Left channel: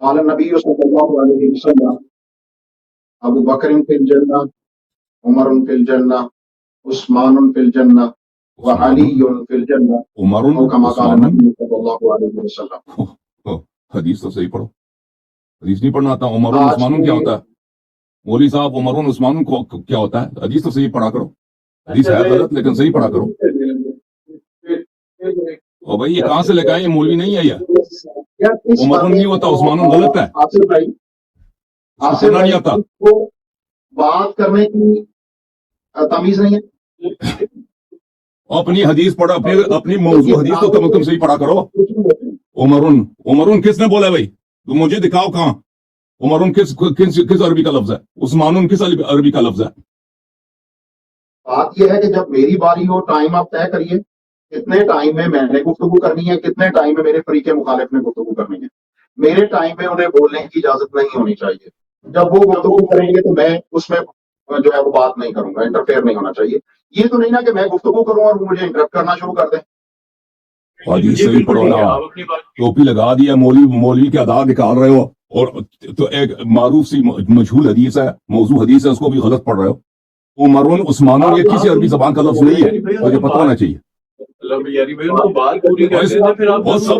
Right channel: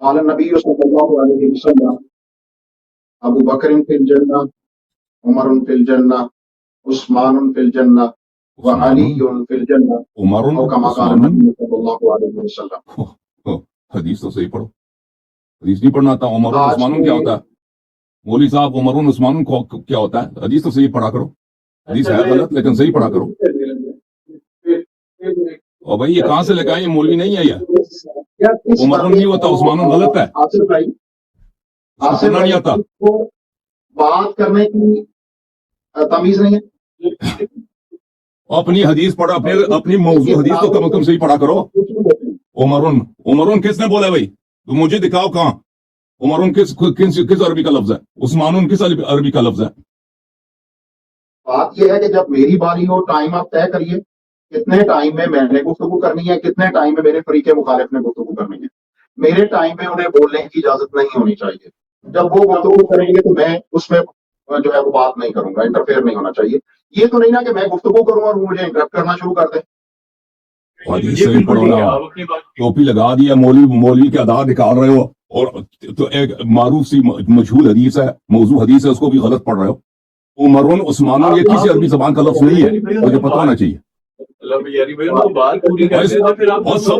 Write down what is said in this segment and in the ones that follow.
قال النبی صلی اللہ علیہ وسلم ابو بکر فی الجنہ عمر فی الجنہ عثمان فی الجنہ وعلی فی الجنہ عمر او کما قال عثمان النبی صلی اللہ علیہ وسلم. حدیث تو صحیح پڑھو. حدیث نہیں پڑھنا آتا. عمر آج عثمان کیا ہوتا ہے؟ مولوی صاحب عمر عثمان کو کیا ہوتا ہے؟ حدیث تو صحیح پڑھا کرو. حدیث ہے غلط لیکن صحیح پڑھا کرو. اور بھائی یہ کہاں سے لے کے آئے؟ یہ مولوی نہیں ہے. یہ عمر نہیں ہوتا عثمان غلط ہے. آصف بھائی اس کو پڑھنا نہیں آتا. بات کرنے کی تمیز نہیں ہے. اپنی حدیث پڑھو. اپنی موضوع حدیث تو کم از کم صحیح پڑھا کرو. عمرون کس نے بولا ہے بھائی؟ تو مجھے دکھاؤ کہاں. عمرون کس عربی کا لفظ ہے؟ عثمانون کس عربی کا لفظ ہے؟ بات یہ ہے کہ جب میری باری ہو ٹائم آپ طے کریے کتنے ٹائم میں میں نے گفتگو کرنی ہے, کتنے ٹائم میں میرے فریق مخالف نے گفتگو کرنی ہے. میرے ٹائم میں انہیں بولنے کی اجازت نہیں ہونی چاہیے. جب وہ گفتگو کریں گے تو میں اس میں جو ہے وہ بات نہیں کروں گا, انٹرفیئر نہیں ہونا چاہیے. یہ تو نہیں نا کہ میں گفتگو کروں اور وہ مجھے انٹرپٹ کرنا شروع کر دیں. صحیح پڑھو نا. ٹوپی لگا دیا, مولوی کے آداب نکال رہے ہو, اور تو ایک معروف سی مشہور حدیث ہے, موضوع حدیث ہے, اس کو بھی غلط پڑھ رہے ہو. عمرون عثمانون یہ کسی عربی زبان کا لفظ نہیں ہے, مجھے پتہ ہونا چاہیے. اور سب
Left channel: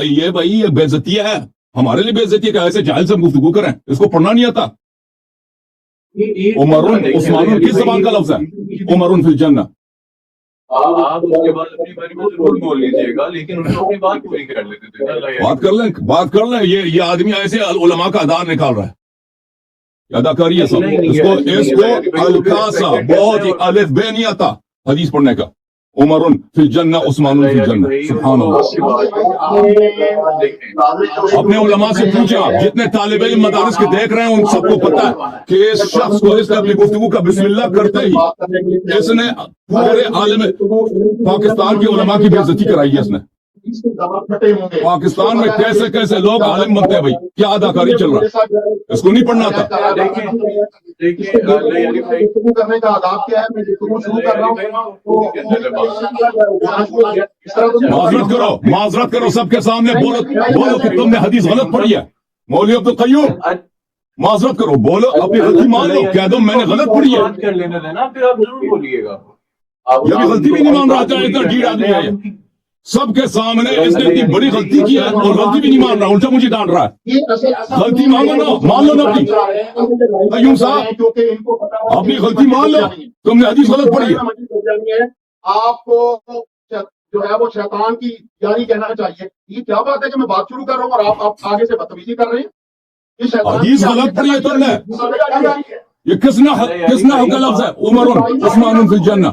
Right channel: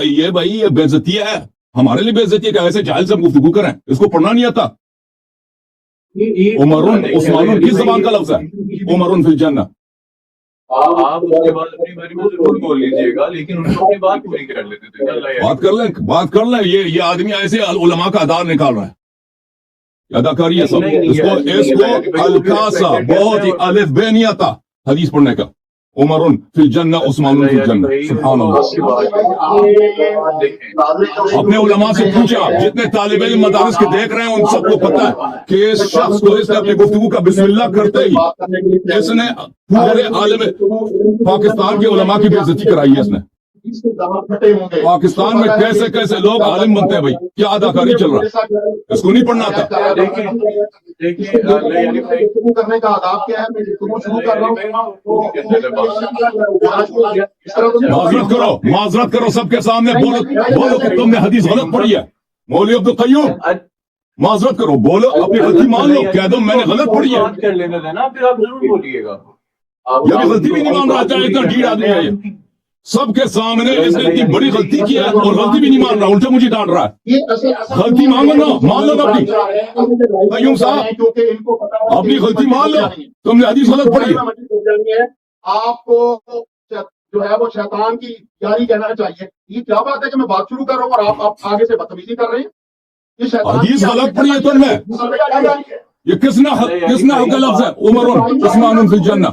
یہ بھائی یہ بے عزتی ہے, ہمارے لیے بے عزتی ہے کہ ایسے جاہل سے گفتگو کریں. اس کو پڑھنا نہیں آتا. عمرون عثمانون کس زبان کا لفظ ہے؟ عمرون فی الجنہ. آپ اس کے بعد اپنی باری میں ضرور بول لیجیے گا, لیکن ان کو اپنی بات پوری کر لیتے تھے. بات کر لیں. یہ آدمی ایسے علماء کا ادار نکال رہا ہے. اداکاری ہے سب. اس کو الکاسا بہت ہی الف بے نہیں آتا حدیث پڑھنے کا. عمرون فی الجنہ عثمانون فی الجنہ. سبحان اللہ. اپنے علماء سے پوچھا, جتنے طالب علم مدارس کے دیکھ رہے ہیں ان سب کو پتا ہے کہ اس شخص کو اس نے اپنی گفتگو کا بسم اللہ کرتے ہی اس نے پورے عالم پاکستان کے علماء کی بے عزتی کرائی ہے. اس نے پاکستان میں کیسے کیسے لوگ عالم بنتے ہیں بھائی. کیا اداکاری چل رہا ہے؟ اس کو نہیں پڑھنا تھا. کرنے کا آداب کیا ہے؟ میں گفتگو شروع کر رہا ہوں. معذرت کرو سب کے سامنے. بولو کہ تم نے حدیث غلط پڑھی ہے. مولوی عبدالقیوم معذرت کرو, بولو اپنی غلطی مان لو. کہہ دو میں نے غلط پڑھی ہے. بات کر لینے دینا, پھر آپ ضرور بولیے گا. یہ بھی غلطی بھی نہیں مان رہا. چاہے اتنا ڈھیر آدمی ہے, سب کے سامنے اس نے اتنی بڑی غلطی کی ہے اور غلطی بھی نہیں مان رہا, الٹا مجھے ڈانٹ رہا ہے. غلطی مانگو نا, مان لو نا اپنی. قیوم صاحب اپنی غلطی مان لو, تم نے حدیث غلط پڑھی ہے. آپ کو جو ہے وہ شیطان کی یاری کہنا چاہیے. یہ کیا بات ہے کہ میں بات شروع کر رہا ہوں اور آپ آگے سے بدتمیزی کر رہے ہیں؟ حدیث غلط پڑھی ہے تم نے. یہ کس نے حق کا لفظ ہے؟ عمرون عثمانون فی الجنہ.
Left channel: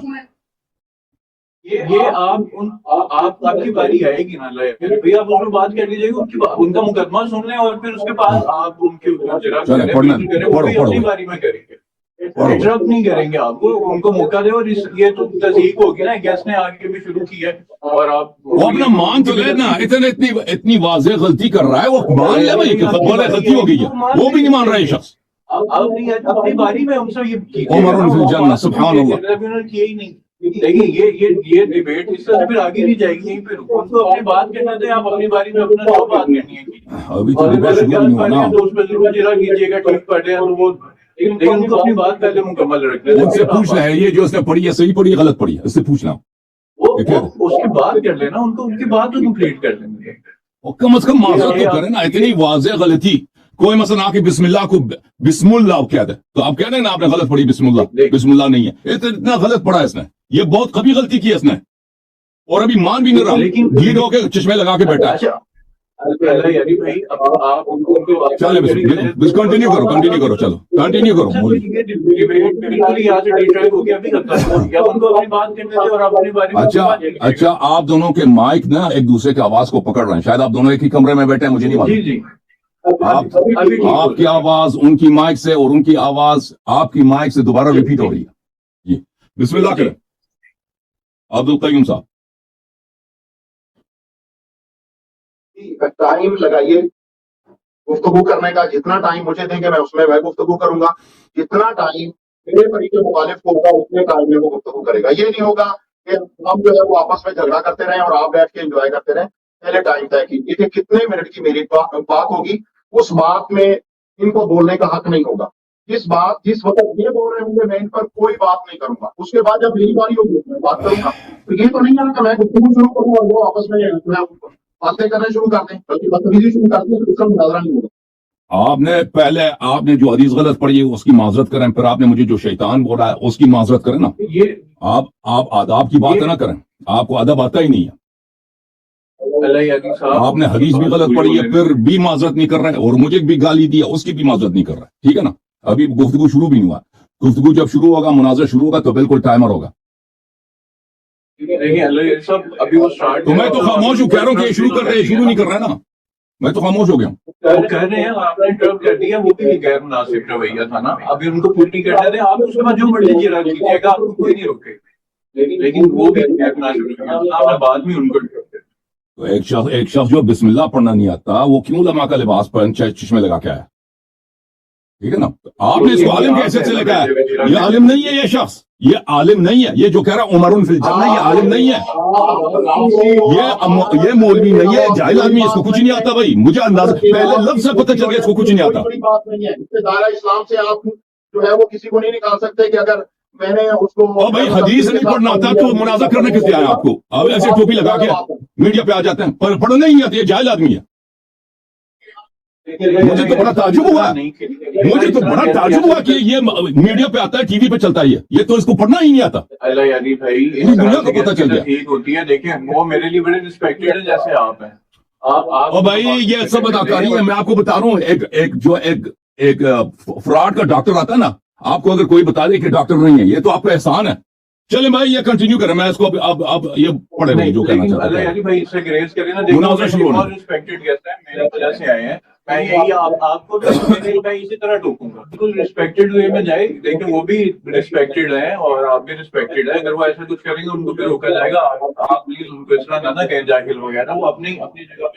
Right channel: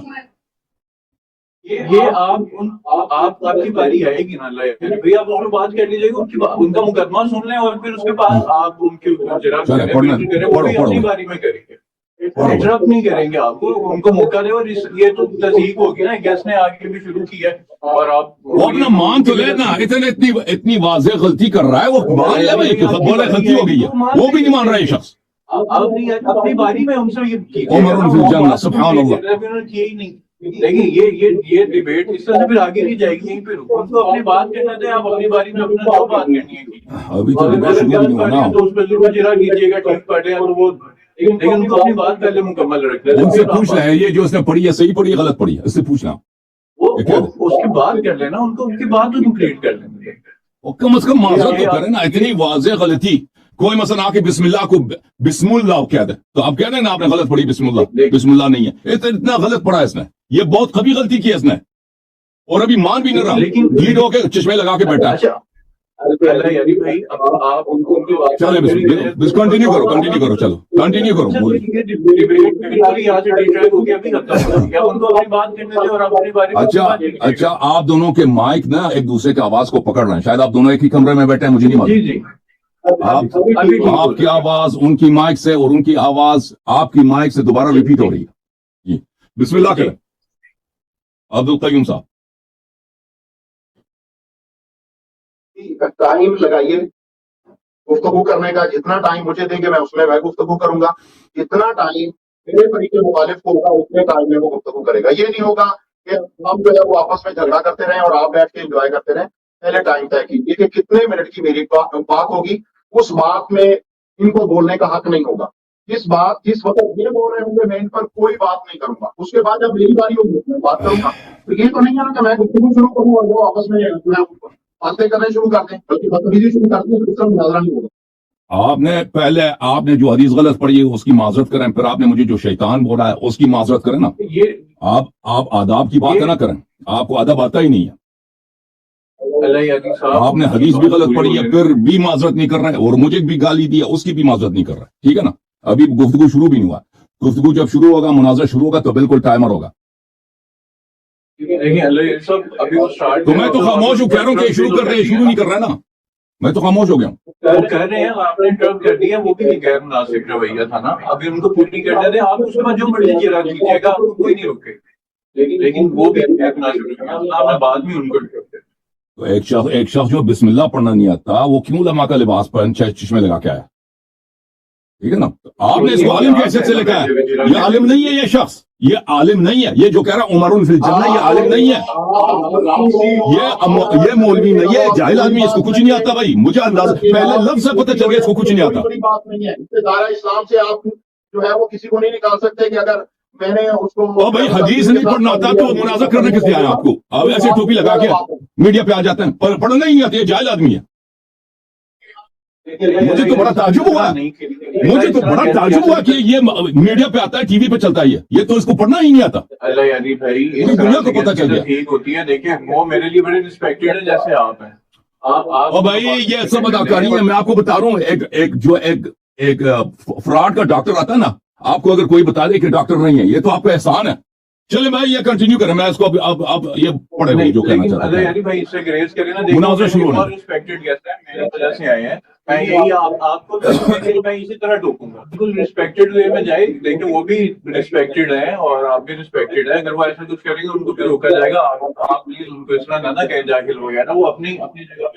یہ آپ کی باری آئے گی نا, پھر آپ اس میں بات کر لیجیے گا. ان کا مقدمہ سن لیں اور پھر اس کے بعد آپ ان کے اپنی باری میں کریں گے. انٹرپٹ نہیں کریں گے آپ کو, ان کو موقع دیں. اور یہ تو تصدیق ہوگی نا, گیس نے آگے بھی شروع کی ہے اور آپ وہ اپنا مان تو لینا. اتنی واضح غلطی کر رہا ہے, وہ مان لے بھائی کہ غلطی ہو گئی ہے. وہ بھی نہیں مان رہا یہ شخص. اپنی باری میں ہم سے یہ عمرون فی الجنہ. سبحان اللہ. کیے ہی نہیں. لیکن یہ ڈیبیٹ اس طرح سے پھر آگے نہیں جائے گی. یہیں پہ ان کو اپنی بات کرنا دیں. آپ اپنی باری میں اپنا جو بات کرنی ہے ابھی تو اس پہ ضرور جرا کیجیے گا. ٹھیک پڑھے ہیں تو وہ, لیکن ان کو اپنی بات پہلے مکمل رکھنا ہے. ان سے پوچھ لیں یہ جو اس نے پڑھی ہے صحیح پڑھی ہے غلط پڑھی ہے, اس سے پوچھنا. اس کی بات کر لینا, ان کو ان کی بات تو کمپلیٹ کر لیں. کم از کم معذرت تو کریں نا. اتنی واضح غلطی. کوئی مثلا آ کے بسم اللہ کو بسم اللہ کہہ دے تو آپ کہہ دیں نا آپ نے غلط پڑھی بسم اللہ نہیں ہے. اتنا غلط پڑھا ہے اس نے. یہ بہت کبھی غلطی کی ہے اس نے, اور ابھی مان بھی نہیں رہا. لیڈ ہو کے چشمے لگا کے بیٹھا ہے. کنٹینیو کرو چلو کنٹینیو کرو. اچھا آپ دونوں کے مائک نا ایک دوسرے کی آواز کو پکڑ رہے ہیں. شاید آپ دونوں ایک ہی کمرے میں بیٹھے ہیں, مجھے نہیں معلوم. آپ کی آواز ان کی مائک سے اور ان کی آواز آپ کی مائک سے دوبارہ ریپیٹ ہو رہی ہے. جی بسم اللہ کریں عبدالقیوم صاحب. ٹائم لگائیے گفتگو کرنے کا. جتنا ٹائم مجھے دیں گے میں اس میں گفتگو کروں گا. جتنا ٹائم میرے فریق مخالف کو ہوگا اتنے ٹائم میں وہ گفتگو کرے گا. یہ نہیں ہوگا کہ ہم جو ہے وہ آپس میں جھگڑا کرتے رہیں اور آپ بیٹھ کے انجوائے کرتے رہیں. پہلے ٹائم طے کیجیے کہ کتنے منٹ کی میری بات ہوگی اس بات میں ان کو بولنے کا حق نہیں ہوگا. جس وقت یہ بول رہے ہوں گے میں ان پر کوئی بات نہیں کروں گا. اس کے بعد جب میری باری ہوگی میں بات کروں گا. تو یہ تو نہیں ہے کہ میں گفتگو شروع کروں اور وہ آپس میں باتیں کرنے شروع کر دیں بلکہ بدتمیزی شروع کر دیں. دوسرا مناظرہ نہیں ہوگا. آپ نے جو حدیث غلط پڑھی ہے اس کی معذرت کریں, پھر آپ نے مجھے جو شیطان بولا ہے اس کی معذرت کریں نا. یہ آپ آداب کی بات نہ کریں, آپ کو ادب آتا ہی نہیں ہے. آپ نے حدیث بھی غلط پڑھی ہے پھر بھی معذرت نہیں کر رہے, اور مجھے بھی گالی دیا اس کی بھی معذرت نہیں کر رہے. ٹھیک ہے نا, ابھی گفتگو شروع بھی نہیں ہوا. گفتگو جب شروع ہوگا, مناظر شروع ہوگا تو بالکل ٹائمر ہوگا. تو میں تو خاموش ہوں, کہہ رہا ہوں کہ شروع کر رہے شروع نہیں کر رہے نا, میں تو خاموش ہو گیا ہوں. کہہ رہے ہیں آپ نے انٹرپٹ کر دیا, وہ بھی غیر مناسب رویہ تھا نا. ابھی ان کو پوری کرنا دیں, آپ اس کے بعد جو بڑھ لیجیے رکھ لیجیے گا, آپ کو کوئی نہیں روکے. لیکن وہ غیر مناسب رویہ آپ بعد میں ان کو تو ایک شخص جو بسم اللہ پڑھنا نہیں آتا وہ کیوں علماء کا لباس پہن چشمے لگا کے آیا؟ ٹھیک ہے نا, آپ نے اس کو عالم کی حیثیت سے لکھا ہے. یہ عالم نہیں ہے, یہ شخص یہ عالم نہیں ہے. یہ جو کہہ رہا عمر فی الجنہ یہ عالم نہیں ہے, یہ مولوی نہیں ہے, جاہل آدمی, اس کو کچھ نہیں آتا. بھائی مجھے اندازہ پہلے لفظ سے پتہ چل گیا اس کو کچھ نہیں آتا. بڑی بات نہیں ہے. دائرہ اسلام سے آپ جو ہے وہ کسی کو نہیں نکال سکتے کہ اگر میں نے اس کو بھائی حدیث نہیں پڑھنا آتا تو مناظر کرنے کس لیے آیا آپ کو؟ آپ ایسے ٹوپی لگا کے میڈیا پہ آ جاتے ہیں, پر پڑھنا ہی نہیں آتا, یہ جاہل آدمی ہے. مجھے تو بڑا تعجب ہوا کہ یہ میڈیا پہ آتا ہے, ٹی وی پہ چلتا ہے, یہ تو اس کو پڑھنا ہی نہیں آتا. اللہ یعنی بھائی پوری دنیا کو پتہ چل گیا. ٹھیک ہوتی ہے. دیکھیں وہ میرے لیے بڑے ریسپیکٹڈ ہیں جیسے آپ ہیں. اور بھائی یہ سب اداکاری ہے. میں آپ کو بتا رہا ہوں, ایک فراڈ کا ڈاکٹر آتا ہے نا, آپ کو اگر کوئی بتا دے کہ ڈاکٹر نہیں ہے, یہ تو آپ کا احسان ہے. چلے بھائی یہ کنٹینیو کریں, میں اس کو اب یہ پڑھے نہیں جو کہنا چاہتا اللہ یعنی بھائی اس سے گریز کریں نا. مناظرہ شروع ہونا. بہت ریسپیکٹڈ گیسٹ ہیں, میرے وجہ سے آئے ہیں. میں یہی آپ کو میں اسی طرح ٹوکوں گا, بالکل ریسپیکٹڈ وے میں جائے. لیکن وہ بھی ریسپیکٹڈ ہے اور آپ بھی ریسپیکٹڈ ہے. اگر وہ ایسا کچھ کریں گے ان کو بھی روکا جائے گا. آپ پلیز ان کو اس طرح نہ کہیں جاہل وغیرہ, وہ اپنی جگہ پہ.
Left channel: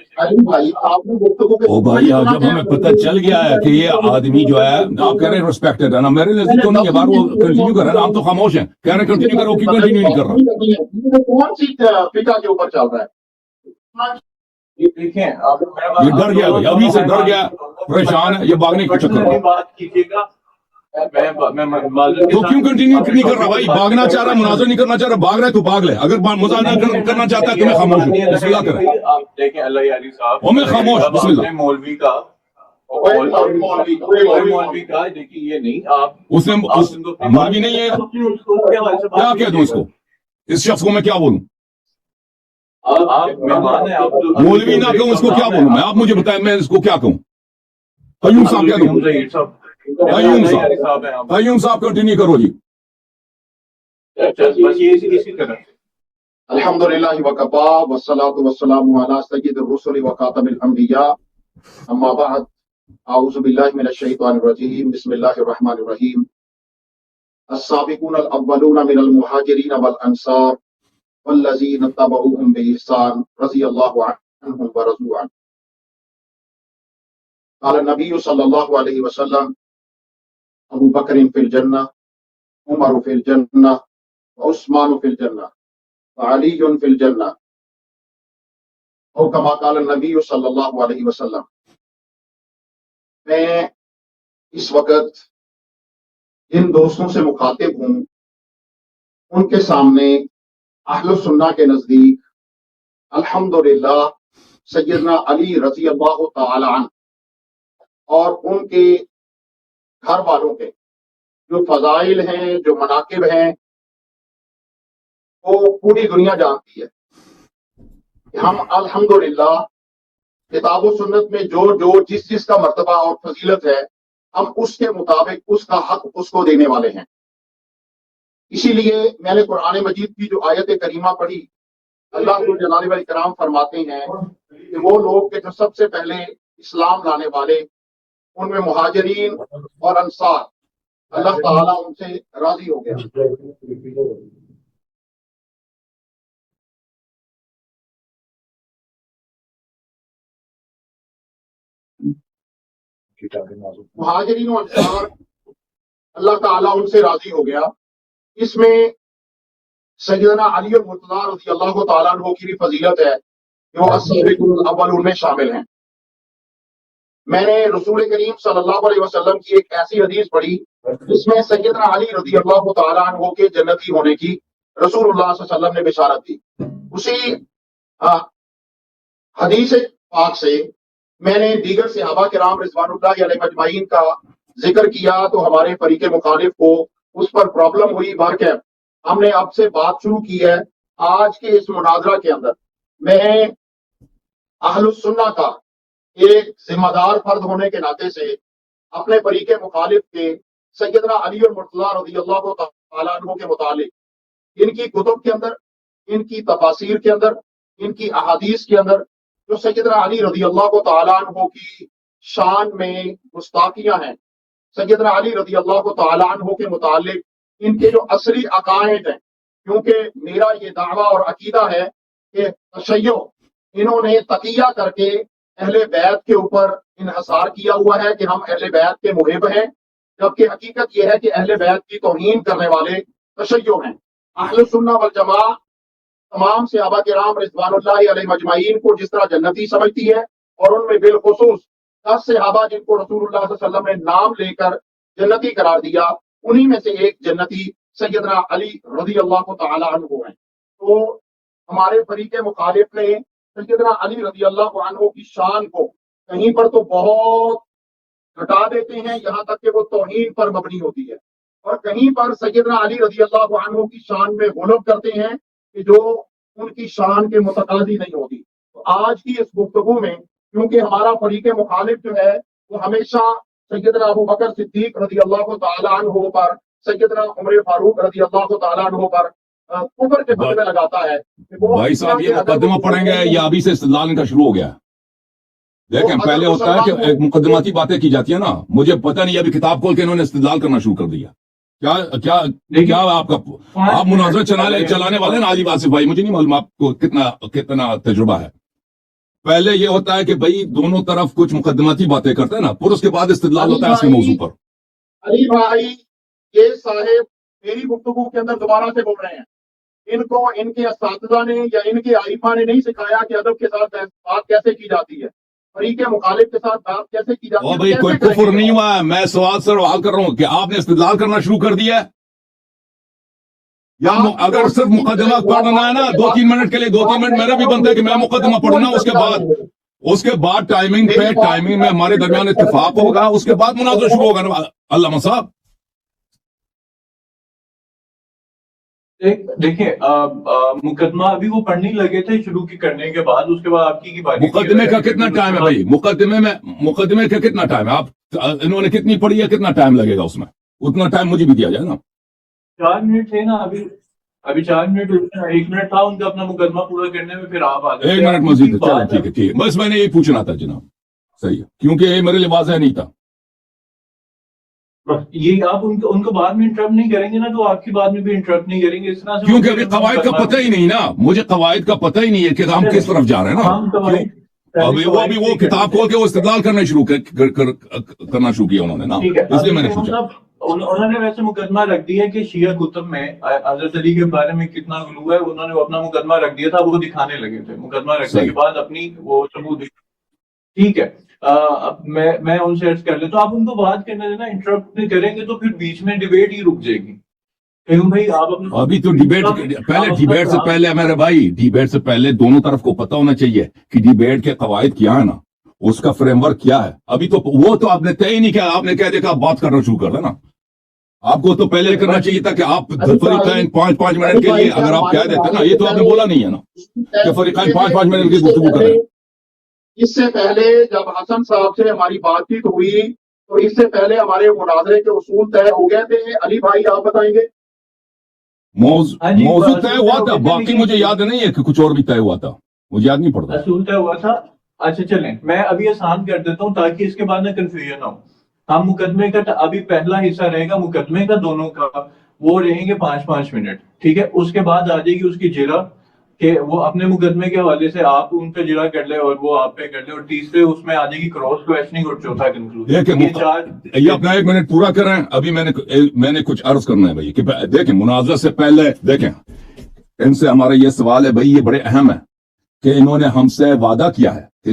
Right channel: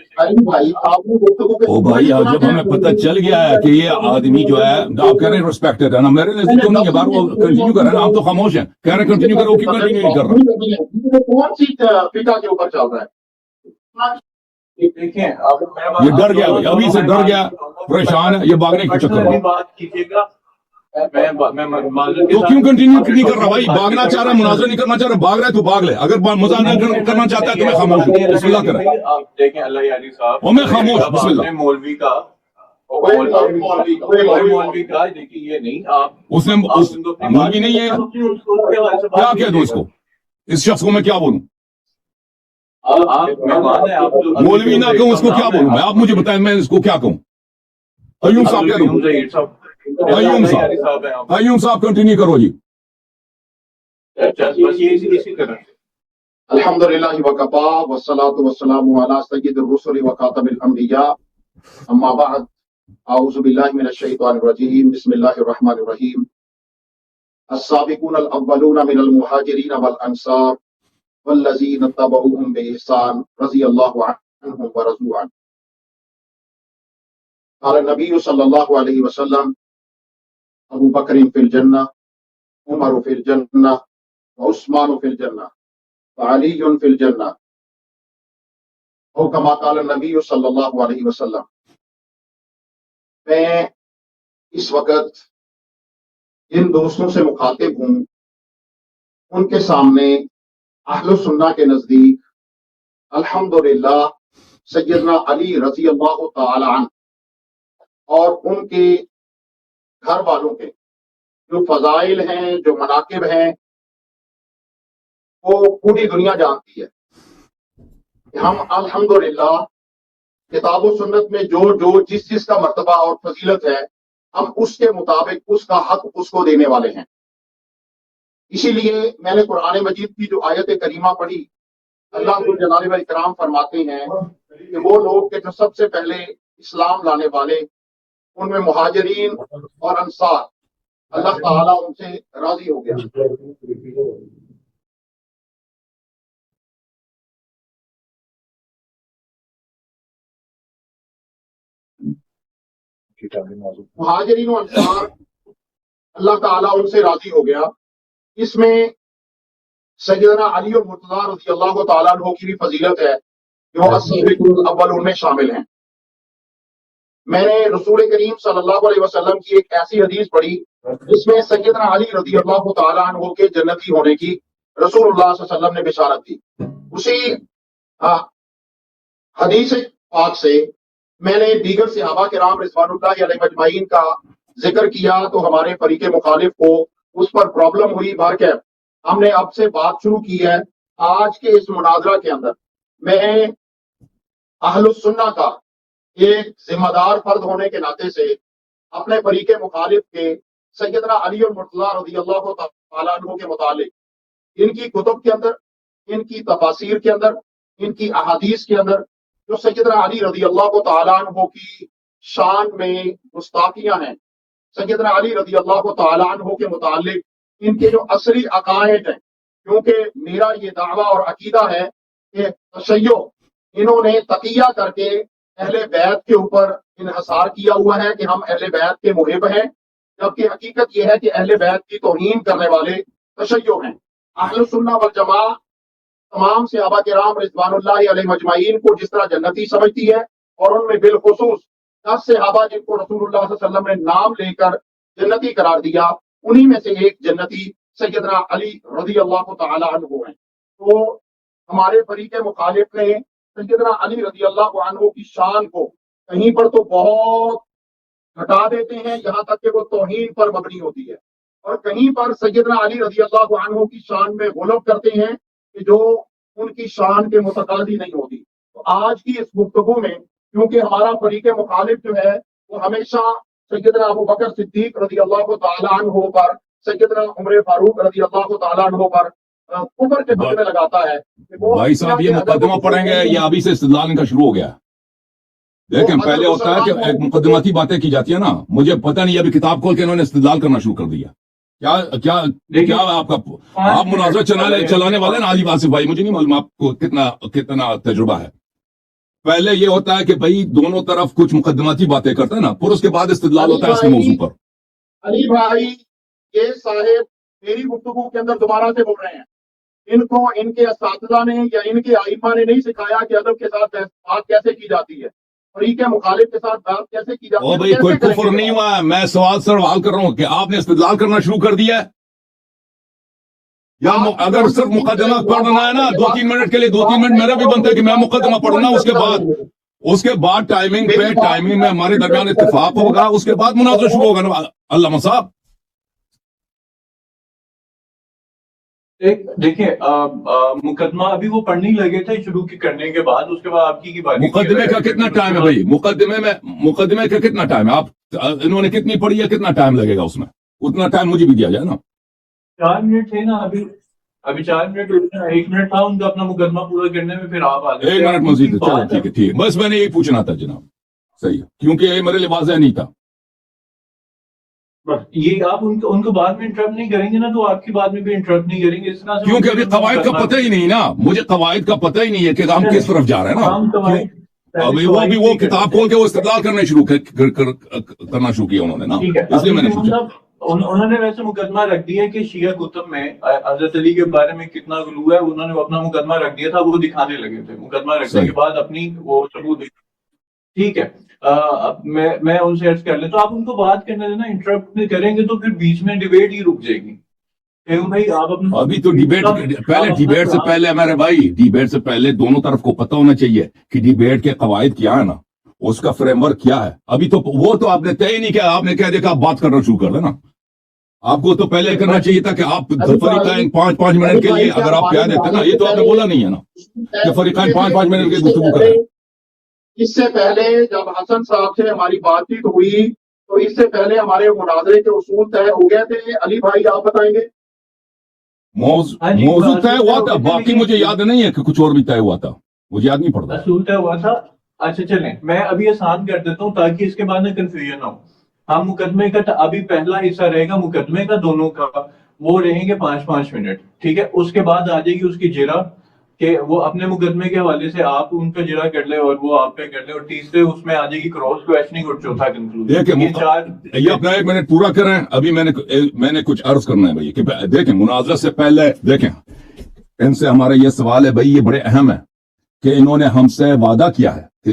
او بھائی جب ہمیں پتہ چل گیا ہے کہ یہ آدمی جو ہے آپ کہہ رہے ہیں ریسپیکٹڈ ہے نا, میرے نزدیک تو نہیں ہے. بار وہ کنٹینیو کر رہے ہیں, آپ تو خاموش ہیں, کہہ رہے ہیں کنٹینیو کرو, کیوں کنٹینیو نہیں کر رہا؟ کون سی فقہ کے اوپر چل رہا ہے؟ دیکھیں یہ ڈر گیا بھائی, ابھی سے ڈر گیا, پریشان ہے, یہ بھاگنے کے چکر میں. بات کیجیے گا. تو کیوں کنٹینیو نہیں کر رہا بھائی؟ بھاگنا چاہ رہا ہے, مناظر نہیں کرنا چاہ رہا, بھاگ رہا ہے تو بھاگ لے. اگر مذاکرہ کرنا چاہتا ہے تو میں خاموش ہوں, بسم اللہ کریں. آپ دیکھیں اللہ یاری صاحب, اور میں خاموش, بسم اللہ. مولوی کا دیکھیے یہ نہیں, آپ اس نے مولوی نہیں ہے, کیا کہہ دوں اس کو, اس شخص کو میں کیا بولوں؟ آپ مہمان ہیں, آپ مولوی نہ کہوں اس کو کیا بولوں میں؟ آپ مجھے بتائیں میں اس کو کیا کہوں؟ قیوم صاحب کہہ دوں, قیوم صاحب کنٹینیو کرو جی. بس یہ اسی طرح. الحمدللہ وکفا والصلاۃ والسلام علی سید الرسل وخاتم الانبیاء, اما بعد, اعوذ باللہ من الشیطان الرجیم, بسم اللہ الرحمن الرحیم. السابقون الاولون من المہاجرین والانصار والذین اتبعوهم بإحسان رضی اللہ عنہم ورضوا عنہ. قال النبی صلی اللہ علیہ وسلم ابو بکر فی الجنہ, عمر فی الجنہ, عثمان فی الجنہ, علی فی الجنہ, او کما قال النبی صلی اللہ علیہ وسلم. میں اس وقت جن دوستوں سے مخاطب ہوں ان کے سامنے اہل سنہ کے نزدیک الحمدللہ سیدنا علی رضی اللہ تعالی عنہ اور ان کے گھر والوں کے جو فضائل ہیں, جو مناقب ہیں, وہ پوری دنیا جانتی ہے. ہم الحمدللہ کتاب و سنت میں جو جس کا مرتبہ اور فضیلت ہے, ہم اس کے مطابق اس کا حق اس کو دینے والے ہیں. اسی لیے میں نے قرآن مجید کی جو آیت کریمہ پڑھی, اللہ جلالہ و اکرام فرماتے ہیں کہ وہ لوگ کہ جو سب سے پہلے اسلام لانے والے, ان میں مہاجرین اور انصار, اللہ تعالیٰ ان سے راضی ہو گیا. مہاجرین و انصار اللہ تعالیٰ ان سے راضی ہو گیا. اس میں سیدنا علی المرتضیٰ رضی اللہ تعالیٰ عنہ کی بھی فضیلت ہے کہ وہ السابقون الاولون میں شامل ہیں. میں نے رسول کریم صلی اللہ علیہ وسلم کی ایک ایسی حدیث پڑھی جس میں سیدنا علی رضی اللہ تعالیٰ عنہ کے جنتی ہونے کی رسول اللہ صلی اللہ علیہ وسلم نے بشارت دی. اسی حدیث پاک سے میں نے دیگر صحابہ کرام رضوان اللہ علیہ مجمعین کا ذکر کیا تو ہمارے فریق مخالف کو اس پر پرابلم ہوئی. بہرکیف ہم نے اب سے بات شروع کی ہے. آج کے اس مناظرہ کے اندر میں اہل السنہ کا ایک ذمہ دار فرد ہونے کے ناطے سے اپنے فریق مخالف کے سیدنا علی المرتضیٰ رضی اللہ تعالیٰ عنہ کے متعلق ان کی کتب کے اندر، ان کی تفاسیر کے اندر، ان کی احادیث کے اندر جو سیدنا علی رضی اللہ تعالیٰ عنہ کی شان میں گستاخیاں ہیں، سیدنا علی رضی اللہ تعالیٰ عنہ کے متعلق ان کے جو اصلی عقائد ہیں، کیونکہ میرا یہ دعویٰ اور عقیدہ ہے کہ تشیع انہوں نے تقیہ کر کے اہل بیت کے اوپر انحصار کیا ہوا ہے کہ ہم اہل بیت کے محب ہیں، جبکہ حقیقت یہ ہے کہ اہل بیت کی توہین کرنے والے تشیع ہیں. اہل سنہ والجماعہ تمام صحابہ کرام رضوان اللہ علیہ مجمعین کو جس طرح جنتی سمجھتی ہے، اور ان میں بالخصوص 10 صحابہ جن کو رسول اللہ صلی اللہ علیہ وسلم نے نام لے کر جنتی قرار دیا، انہی میں سے ایک جنتی سیدنا علی رضی اللہ تعالی عنہ ہیں. تو ہمارے فریق مخالف نے سیدنا علی رضی اللہ عنہ کی شان کو کہیں پر تو بہت گھٹا دیتے ہیں، یہاں تک کہ وہ توہین پر مبنی ہوتی ہے، اور کہیں پر سیدنا علی رضی اللہ عنہ کی شان میں غلب کرتے ہیں کہ جو ان کی شان کے متقاضی نہیں ہوتی. تو آج کی اس گفتگو میں کیونکہ ہمارا فریق مخالف جو ہے وہ ہمیشہ سیدنا ابو بکر صدیق رضی اللہ تعالیٰ عنہ پر، سیدنا عمر فاروق رضی اللہ تعالیٰ عنہ پر کفر کے فتوے لگاتا ہے. بھائی صاحب یہ مقدمہ پڑھیں گے یا ابھی سے استدلال ان کا شروع ہو گیا؟ دیکھیں پہلے ہوتا ہے کہ ایک مقدماتی باتیں کی جاتی ہیں نا، مجھے پتہ نہیں ابھی کتاب کھول کے انہوں نے استدلال کرنا شروع کر دیا. کیا آپ کا آپ مناظرہ چلانے والے نا علی واصف بھائی، مجھے نہیں معلوم آپ کو کتنا تجربہ ہے. پہلے یہ ہوتا ہے کہ بھائی دونوں طرف کچھ مقدماتی باتیں کرتے ہیں نا، پھر اس کے بعد استدلال ہوتا ہے اس کے موضوع پر. علی بھائی یہ صاحب میری گفتگو کے اندر دوبارہ سے بول رہے ہیں، ان کو ان کے اساتذہ نے یا ان کے ائمہ نے نہیں سکھایا کہ ادب کے ساتھ بات کیسے کی جاتی ہے، فریق مخالف کے ساتھ بات کیسے کی جاتی ہے. بھائی کوئی کفر نہیں ہوا ہے، میں سوال کر رہا ہوں کہ آپ نے استدلال کرنا شروع کر دیا ہے، یا اگر صرف مقدمہ پڑھنا ہے نا 2-3 منٹ کے لیے 2-3 منٹ میرا بھی بنتا ہے کہ میں مقدمہ پڑھنا، اس کے بعد ٹائمنگ میں ہمارے درمیان اتفاق ہوگا، اس کے بعد مناظرہ شروع ہوگا نا. علامہ صاحب دیکھیں مقدمہ ابھی وہ پڑھنے لگے تھے شروع کرنے کے بعد، اس کے بعد آپ کی بات. مقدمے کا کتنا ٹائم ہے بھائی؟ مقدمے کا کتنا ٹائم ہے؟ آپ انہوں نے کتنی پڑھی ہے، کتنا ٹائم لگے گا اس میں؟ اتنا ٹائم مجھے بھی دیا جائے نا. 4 منٹ تھے نا ابھی 4 منٹ 1 منٹ تھا ان کا اپنا مقدمہ پورا کرنے میں، پھر آپ 1 منٹ مزید. چلو ٹھیک ہے بس میں نے یہی پوچھنا تھا جناب. صحیح ہے کیونکہ یہ میرے لیے واضح نہیں تھا. یہ آپ ان کو بعد میں انٹرپٹ نہیں کریں گے نا، تو آپ کی بعد میں بھی انٹرپٹ نہیں کریں گے اس طرح سے، کیونکہ ابھی قواعد کا پتہ ہی نہیں نا. مجھے قواعد کا پتہ ہی نہیں ہے کہ ہم کس طرف جا رہے ہیں نا. ابھی وہ کتاب کھول کے وہ استدلال کرنا شروع کیا انہوں نے نا، اس لیے میں نے پوچھا. انہوں نے ویسے مقدمہ رکھ دیا کہ شیعہ کتب میں حضرت علی کے بارے میں کتنا غلو ہے، انہوں نے اپنا مقدمہ رکھ دیا تھا، وہ دکھانے لگے تھے. مقدمہ رکھنے کے بعد اپنی وہ ثبوت. ٹھیک ہے میں ان سے عرض کر لیں تو آپ ان کو بات کرنے دینا، انٹرپٹ کریں گے تو پھر بیچ میں ڈیبیٹ ہی رک جائے گی. بھائی آپ ابھی تو ڈیبیٹ سے پہلے میرے بھائی، ڈیبیٹ سے پہلے دونوں طرف کو پتہ ہونا چاہیے کہ ڈیبیٹ کے قواعد کیا ہے نا، اس کا فریم ورک کیا ہے. ابھی تو وہ تو آپ نے طے ہی نہیں کیا، آپ نے کہہ دیا کہ آپ بات کرنا شروع کر دینا. آپ کو تو پہلے کرنا چاہیے تھا کہ آپ فریقین 5 منٹ کے لیے اگر آپ کہہ دیتے نا، یہ تو آپ نے بولا نہیں ہے نا کہ فریقین 5 منٹ کی گفتگو کریں. اس سے پہلے جب حسن صاحب سے ہماری بات چیت ہوئی تو اس سے پہلے ہمارے مناظرے کے اصول طے ہو گئے تھے. علی بھائی آپ بتائیں گے. موضوع طے ہوا تھا، باقی مجھے یاد نہیں ہے کہ کچھ اور بھی طے ہوا تھا، مجھے یاد نہیں پڑتا. اصول طے ہوا تھا. اچھا چلیں میں ابھی آسان کر دیتا ہوں تاکہ اس کے بعد میں کنفیوژن نہ ہو. ہم مقدمے کا ابھی پہلا حصہ رہے گا مقدمے کا دونوں کا، وہ رہیں گے 5 منٹ. ٹھیک ہے، اس کے بعد آ جائے گی اس کی جرا کہ وہ اپنے مقدمے کے حوالے سے آپ ان پہ جرا کر لیں اور وہ آپ پہ کر لیں، اور تیسرے اس میں آ جائے گی کراس کویشچننگ اور چوتھا کنکلوژن. یہ اپنا 1 منٹ پورا کریں. ابھی میں نے کچھ عرض کرنا ہے بھائی کہ دیکھیں مناظرہ سے پہلے دیکھیں ان سے ہمارا یہ سوال ہے بھائی، یہ بڑے اہم ہے کہ انہوں نے ہم سے وعدہ کیا ہے کہ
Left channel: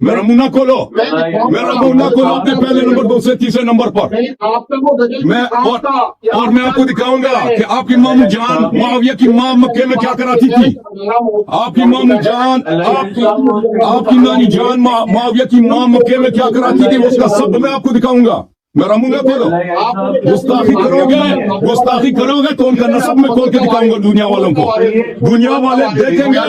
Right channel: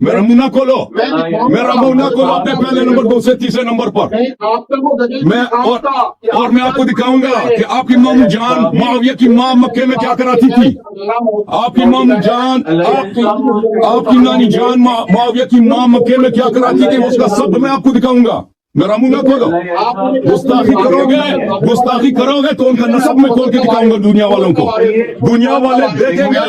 میرا منہ نہ کھولو، میں میرا منہ نہ کھولو اپنے پہلے نمبر 2 سے تیسرے نمبر پر. آپ کا وہ دلیل میں آپ کا اور میں آپ کو دکھاؤں گا کہ آپ کی مام جان معاویہ کی ماں مکے میں کیا کراتی تھی. آپ کی مام جان، آپ کی نانی جان معاویہ کی ماں مکے میں کیا کراتی تھی، اس کا سب میں آپ کو دکھاؤں گا. میرا منہ نہ کھولو. گستاخی کرو گے تو ان کا نسب میں کھول کے دکھاؤں گا دنیا والوں کو. دنیا والے دیکھیں گے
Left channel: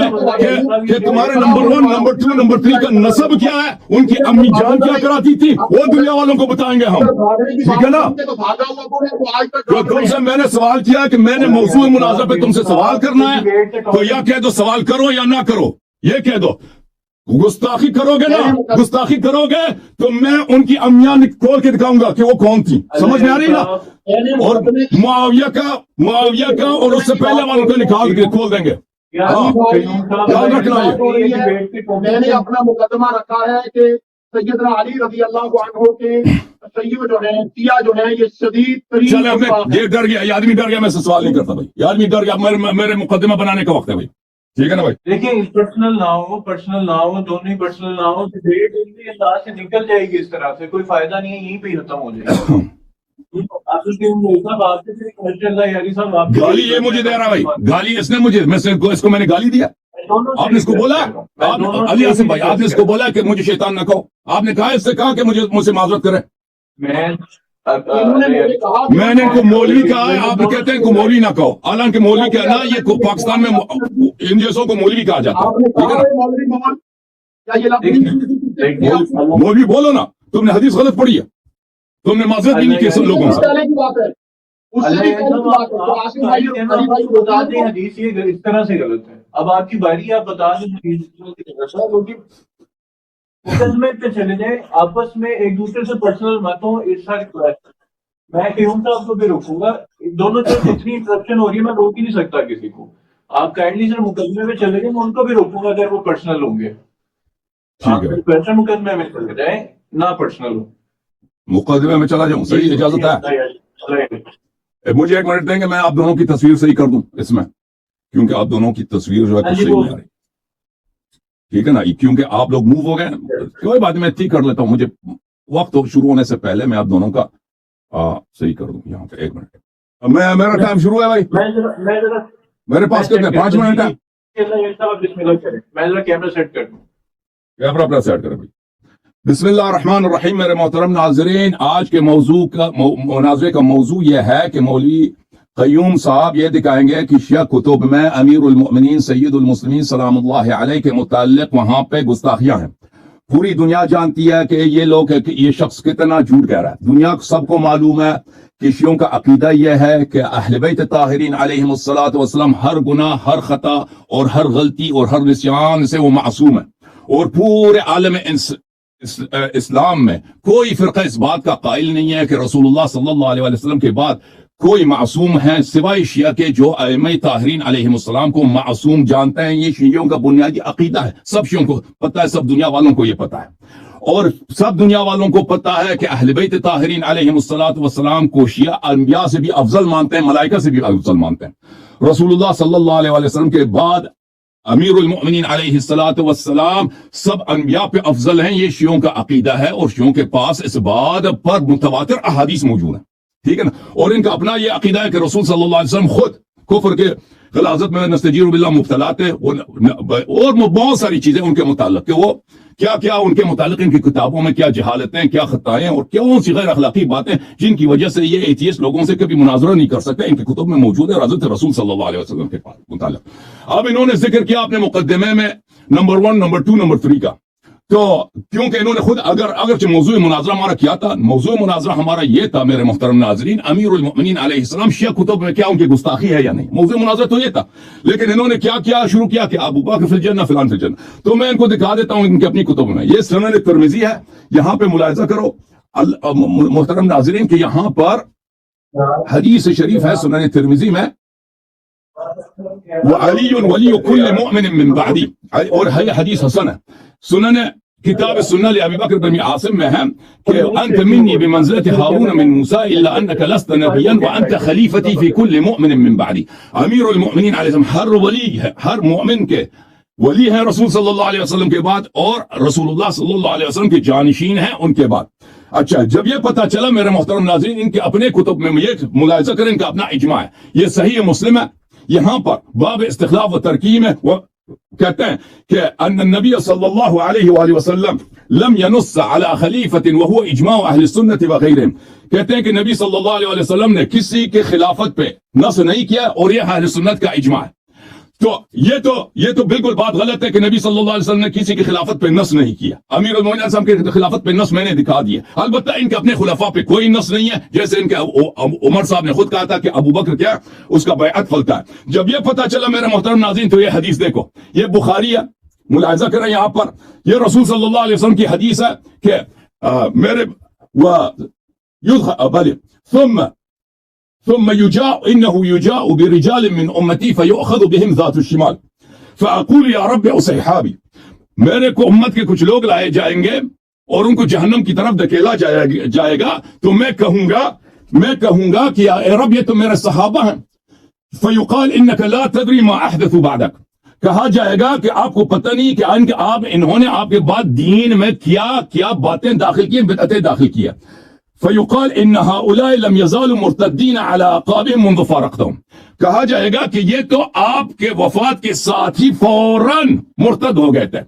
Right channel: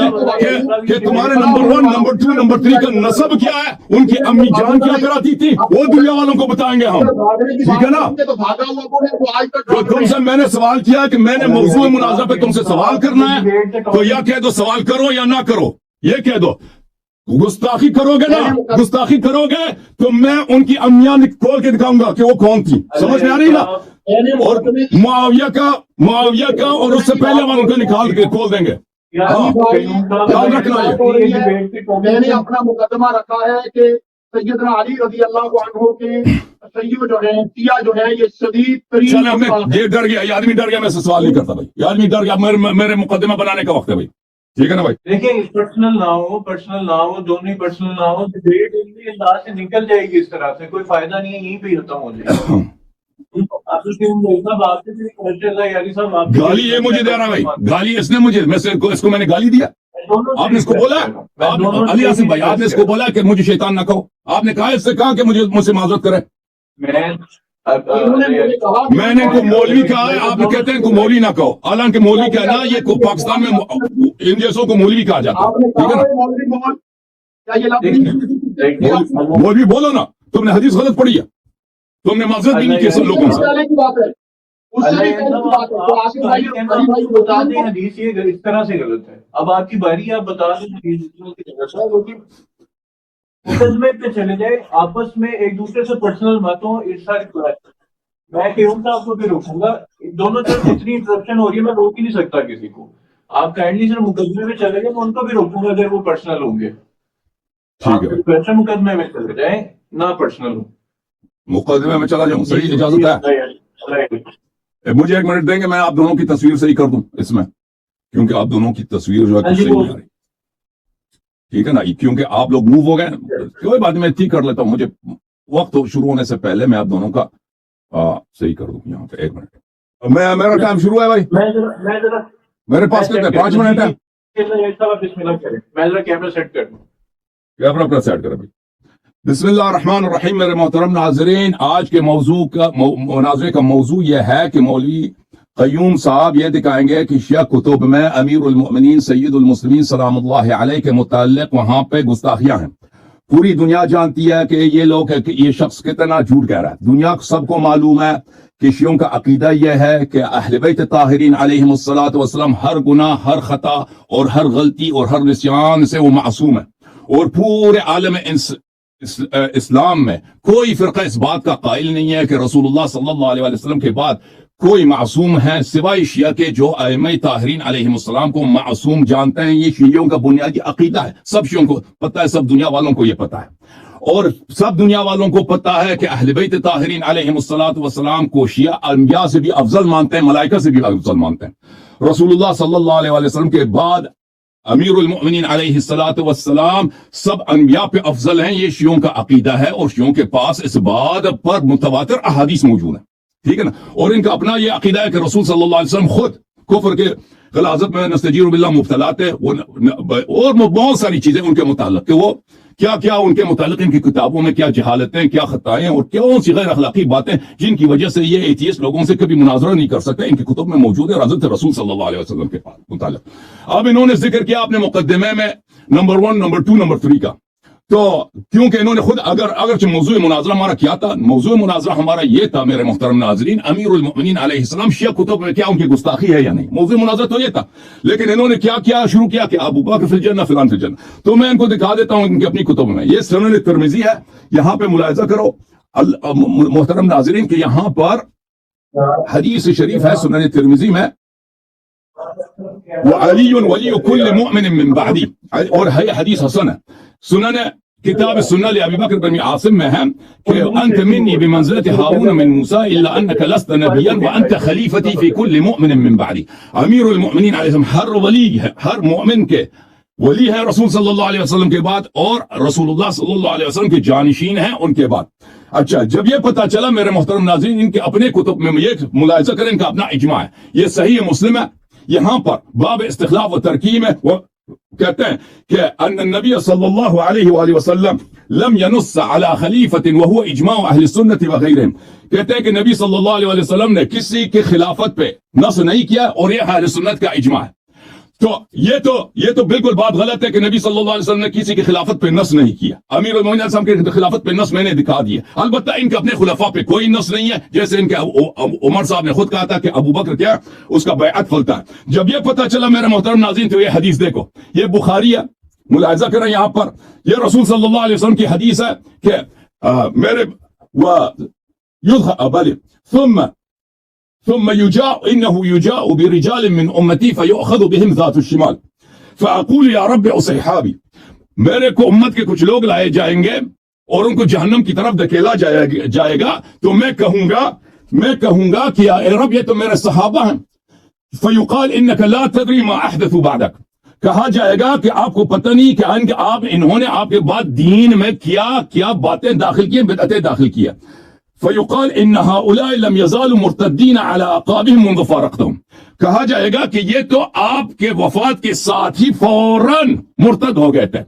کہ تمہارے نمبر 1 نمبر 2 نمبر 3 کا نسب کیا ہے، ان کی امی جان کیا کراتی تھی، وہ دنیا والوں کو بتائیں گے ہم. ٹھیک ہے نا. تو تم سے میں نے سوال کیا کہ میں نے موضوع مناظرہ پہ تم سے سوال کرنا ہے، تو یا کہہ دو سوال کرو یا نہ کرو، یہ کہہ دو. گستاخی کرو گے نا، گستاخی کرو گے تو میں ان کی امیاں کھول کے دکھاؤں گا کہ وہ کون تھی. سمجھ میں آ رہی نا. اور معاویہ کا اور اس سے پہلے والوں کو نکال کے کھول دیں گے. یاد رکھنا میں نے اپنا مقدمہ رکھا ہے کہ سیدنا علی رضی اللہ عنہ کے سیو جو ہیں سیاہ جو ہیں یہ شدید ترین. چلو میں یہ ڈر گیا، یہ آدمی ڈر گیا، میں سے سوال نہیں کرتا بھائی. یہ آدمی ڈر گیا، میرے مقدمہ بنانے کا وقت ہے بھائی. ٹھیک ہے نا بھائی. دیکھیں پرسنل نہ ہو دونوں ہی پرسنل نہ ہو، ڈیبیٹ اسی انداز سے نکل جائے گی، اس طرح سے کوئی فائدہ نہیں ہے، یہیں پہ ہی ختم ہو جائے گا. گالی یہ مجھے دے رہا بھائی، گالی اس نے مجھے، اس کو میں نے گالی دیا. آپ نے اس کو بولا، علی آصف بھائی آپ نے اس کو بولا کہ مجھے شیطان نہ کہو. آپ نے کہا اس سے کہا کہ مجھ سے معذرت کرے. میں نے ان کو مولوی کہا ہے، آپ کہتے ہیں ان کو مولوی نہ کہو، حالانکہ مولوی کہنا یہ پاکستان میں ان جیسوں کو مولوی کہا جاتا ہے. ٹھیک ہے نا. مولوی بولو نا، تم نے حدیث غلط پڑھی ہے، تم نے معذرت بھی نہیں کی سب لوگوں سے. حدیث یہ اس طرح سے غلط ہے. اب آپ کی باری ہے، آپ بتا دیں مقدمے پہ چلے جائیں، آپس میں ایک دوسرے سے پرسنل باتوں اس ساری بات. میں کہوں گا آپ کو بھی روکوں گا، دونوں طرف اتنی انٹرپشن ہو رہی ہے، میں روک ہی نہیں سکتا کسی کو. آپ کائنڈلی سر مقدمے میں چلے گئے، میں ان کو بھی روکوں گا اگر وہ پرسنل ہوں گے. آپ مقدمے میں چلے جائیں، نہ پرسنل ہو. مقدمے میں چلا جاؤں، صحیح اجازت ہے. مجھے 1 منٹ دیں گے، میں آپ دونوں کی تصویر صحیح کر دوں اس میں، کیونکہ آپ دونوں کی تصویر جو ہے صحیح نہیں آ رہی. ٹھیک ہے نا، کیونکہ آپ لوگ موو ہو گئے. کوئی بات میں ٹھیک کر لیتا ہوں، مجھے وقت شروع ہونے سے پہلے میں آپ دونوں کا صحیح کر دوں. یہاں پہ 1 منٹ، میرا ٹائم شروع ہے بھائی، میرے پاس کتنے 5 منٹ ہے. میں ذرا کیمرہ سیٹ کر دوں. کیمرہ اپنا سیٹ کریں بھائی. بسم اللہ الرحمن الرحیم. میرے محترم ناظرین، آج کے موضوع کا مناظرے کا موضوع یہ ہے کہ مولوی قیوم صاحب یہ دکھائیں گے کہ شیعہ کتب میں امیر المؤمنین سید المسلمین سلام اللہ علیہ کے متعلق وہاں پہ گستاخیاں ہیں. پوری دنیا جانتی ہے کہ یہ لوگ یہ شخص کتنا جھوٹ کہہ رہا ہے. دنیا سب کو معلوم ہے کہ شیعوں کا عقیدہ یہ ہے کہ اہل بیت طاہرین علیہم الصلوۃ والسلام ہر گناہ، ہر خطا اور ہر غلطی اور ہر نسیان سے وہ معصوم ہے. اور پورے عالم اسلام میں کوئی فرقہ اس بات کا قائل نہیں ہے کہ رسول اللہ صلی اللہ علیہ وسلم کے بعد کوئی معصوم ہے سوائے شیعہ کے، جو ائمہ طاہرین علیہم السلام کو معصوم جانتے ہیں. یہ شیعوں کا بنیادی عقیدہ ہے، سب شیعوں کو پتہ ہے، سب دنیا والوں کو یہ پتہ ہے. اور سب دنیا والوں کو پتہ ہے کہ اہل بیت طاہرین علیہم السلام کو شیعہ انبیاء سے بھی افضل مانتے ہیں، ملائکہ سے بھی افضل مانتے ہیں. رسول اللہ صلی اللہ علیہ وسلم کے بعد امیر المؤمنین علیہ السلام سب انبیاء پہ افضل ہیں. یہ شیعوں کا عقیدہ ہے، اور شیعوں کے پاس اس بات پر متواتر احادیث موجود ہیں. ٹھیک ہے نا. اور ان کا اپنا یہ عقیدہ ہے کہ رسول صلی اللہ علیہ وسلم خود کفر کے غلاظت میں نستجیر باللہ مبتلا تھے، اور بہت ساری چیزیں ان کے متعلق کہ وہ کیا ان کے متعلق ان کی کتابوں میں کیا جہالتیں، کیا خطائیں اور کون سی غیر اخلاقی باتیں جن کی وجہ سے یہ ایتھیسٹ لوگوں سے کبھی مناظرہ نہیں کر سکتے، ان کی کتب میں موجود ہے حضرت رسول صلی اللہ علیہ وسلم کے متعلق. اب انہوں نے ذکر کیا اپنے مقدمے میں نمبر 1 نمبر 2 نمبر 3 کا. تو کیونکہ انہوں نے خود اگرچہ موضوع مناظرہ ہمارا کیا تھا، موضوع مناظرہ ہمارا یہ تھا میرے محترم ناظرین، امیر المؤمنین علیہ السلام شیعہ کتب میں کیا ان کی گستاخی ہے یا نہیں. موضوع مناظرہ تو یہ تھا، لیکن انہوں نے کیا شروع کیا کہ ابو بکر فی الجنہ فلان فی الجنہ. تو میں ان کو دکھا دیتا ہوں ان کی اپنی کتب میں. یہ سنن ترمذی ہے، یہاں پہ ملاحظہ کرو محترم ناظرین کہ یہاں پر حدیث شریف ہے سنن ترمذی میں، وعلی ولی کل مؤمن من بعدی، اور ہے حدیث حسن ہے. سنن کتاب السنہ لابی بکر بن عاصم میں ہے کہ انت منی بمنزلت ہارون من موسیٰ الا انک لست نبیا وانت خلیفتی فی کل مؤمن من بعدی. امیر المؤمنین علیہ السلام ہر ولی ہے، ہر مؤمن کے ولی ہے رسول صلی اللہ علیہ وسلم کے بعد اور رسول اللہ صلی اللہ علیہ وسلم کے جانشین ہیں ان کے بعد. اچھا جب یہ پتا چلا میرے محترم ناظرین ان کے اپنے کتب میں یہ ملاحظہ کریں ان کا اپنا اجماع ہے, یہ صحیح مسلم ہے, یہاں پر باب استخلاف و ترکیب میں وہ کہتے ہیں کہ ان النبی صلی اللہ علیہ وآلہ وسلم لم ينص على خلیفۃ وهو اجماع اہل السنت وغیرہم, کہتے ہیں کہ نبی صلی اللہ علیہ وآلہ وسلم نے کسی کی خلافت پہ نص نہیں کیا اور یہ اہل سنت کا اجماع ہے. تو یہ تو بالکل بات غلط ہے کہ نبی صلی اللہ علیہ وسلم نے کسی کی خلافت پہ نص نہیں کیا. امیر المومنین علیہ السلام کی خلافت پہ نص میں نے دکھا دیا, البتہ ان کے اپنے خلفاء پہ کوئی نص نہیں ہے, جیسے ان کے عمر صاحب نے خود کہا تھا کہ ابو بکر کیا اس کا بیعت پھلتا ہے. جب یہ پتہ چلا میرے محترم ناظرین تو یہ حدیث دیکھو, یہ بخاری ہے, ملاحظہ کریں یہاں پر یہ رسول صلی اللہ علیہ وسلم کی حدیث ہے کہ میرے ثم يجاء إنه يجاء برجال من أمتي فيؤخذ بهم ذات الشمال فأقول يا رب أصحابي, میرے کو امت کے کچھ لوگ لائے جائیں گے اور ان کو جہنم کی طرف دھکیلا جائے گا تو میں کہوں گا کہ اے رب یہ تو میرے صحابہ ہیں. فيقال إنك لا تدري ما أحدثوا بعدك, کہا جائے گا کہ آپ کو پتہ نہیں کہ انہوں نے آپ کے بعد دین میں کیا باتیں داخل کی, بدعتیں داخل کیا. فيقال ان هؤلاء لم يزالوا مرتدين على اعقابهم منذ فارقتهم, کہا جائے گا کہ یہ تو آپ کے وفات کے ساتھ ہی فوراً مرتد ہو گئے تھے.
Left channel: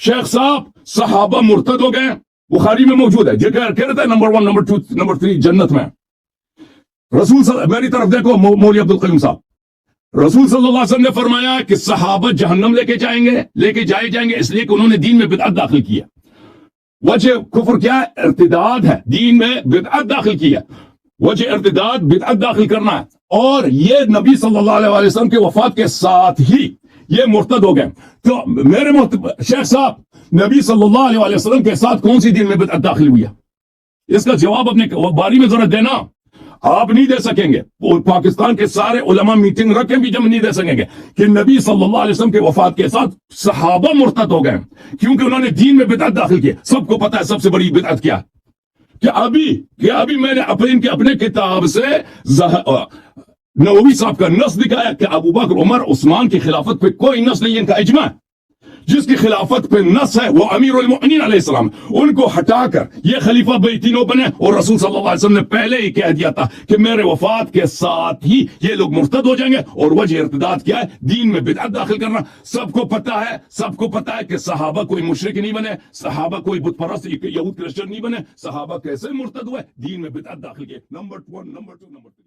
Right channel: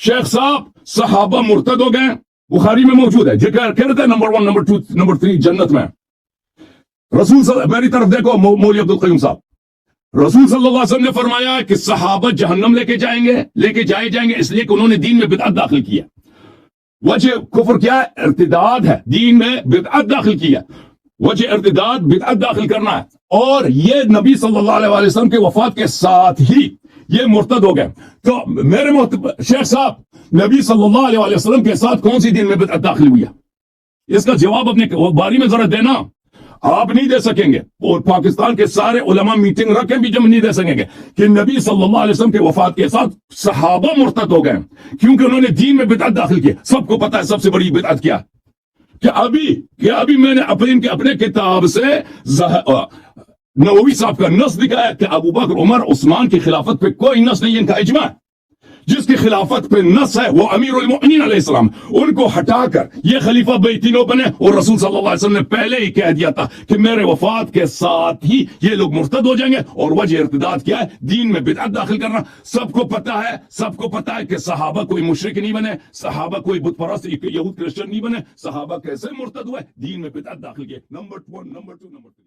شیخ صاحب صحابہ مرتد ہو گئے, بخاری میں موجود ہے, جو کہہ رہے تھے نمبر 1 نمبر 2 نمبر 3 جنت میں. رسول میری طرف دیکھو مولوی عبد القیوم صاحب, رسول صلی اللہ علیہ وسلم نے فرمایا کہ صحابہ جہنم لے کے جائیں گے اس لیے کہ انہوں نے دین میں بدعت داخل کیا. وجہ کفر کیا ہے؟ ارتداد ہے, دین میں بدعت داخل کیا, وجہ ارتداد بدعت داخل کرنا ہے, اور یہ نبی صلی اللہ علیہ وسلم کے وفات کے ساتھ ہی یہ مرتد ہو گئے. تو میرے شیخ صاحب نبی صلی اللہ علیہ وسلم کے ساتھ کون سی دین میں بدعت داخل ہوئی ہے؟ اس کا جواب اپنے باری میں ذرا دینا. آپ نہیں دے سکیں گے, اور پاکستان کے سارے علماء میٹنگ رکھیں بھی جب نہیں دے سکیں گے کہ نبی صلی اللہ علیہ وسلم کے وفات کے ساتھ صحابہ مرتد ہو گئے کیونکہ انہوں نے دین میں بدعت داخل کی. سب کو پتا ہے سب سے بڑی بدعت کیا کہ ابھی میں نے اپنے کتاب سے نووی صاحب کا نص دکھایا کہ ابو بکر عمر عثمان کی خلافت پہ کوئی نص نہیں, ان کا اجماع ہے. جس کی خلافت پہ نص ہے وہ امیر المؤمنین علیہ السلام, ان کو ہٹا کر یہ خلیفہ بیتینو بنے, اور رسول صلی اللہ علیہ وسلم نے پہلے ہی کہہ دیا تھا کہ میرے وفات کے ساتھ ہی یہ لوگ مرتد ہو جائیں گے. اور وجہ ارتداد کیا ہے؟ دین میں بدعت داخل کرنا. سب کو پتا ہے کہ صحابہ کوئی مشرک نہیں بنے, صحابہ کوئی بت پرست یہود کرسچن نہیں بنے, صحابہ کیسے مرتد ہوئے؟ دین میں بدعت داخل کیے. Number 1 number 2 number 3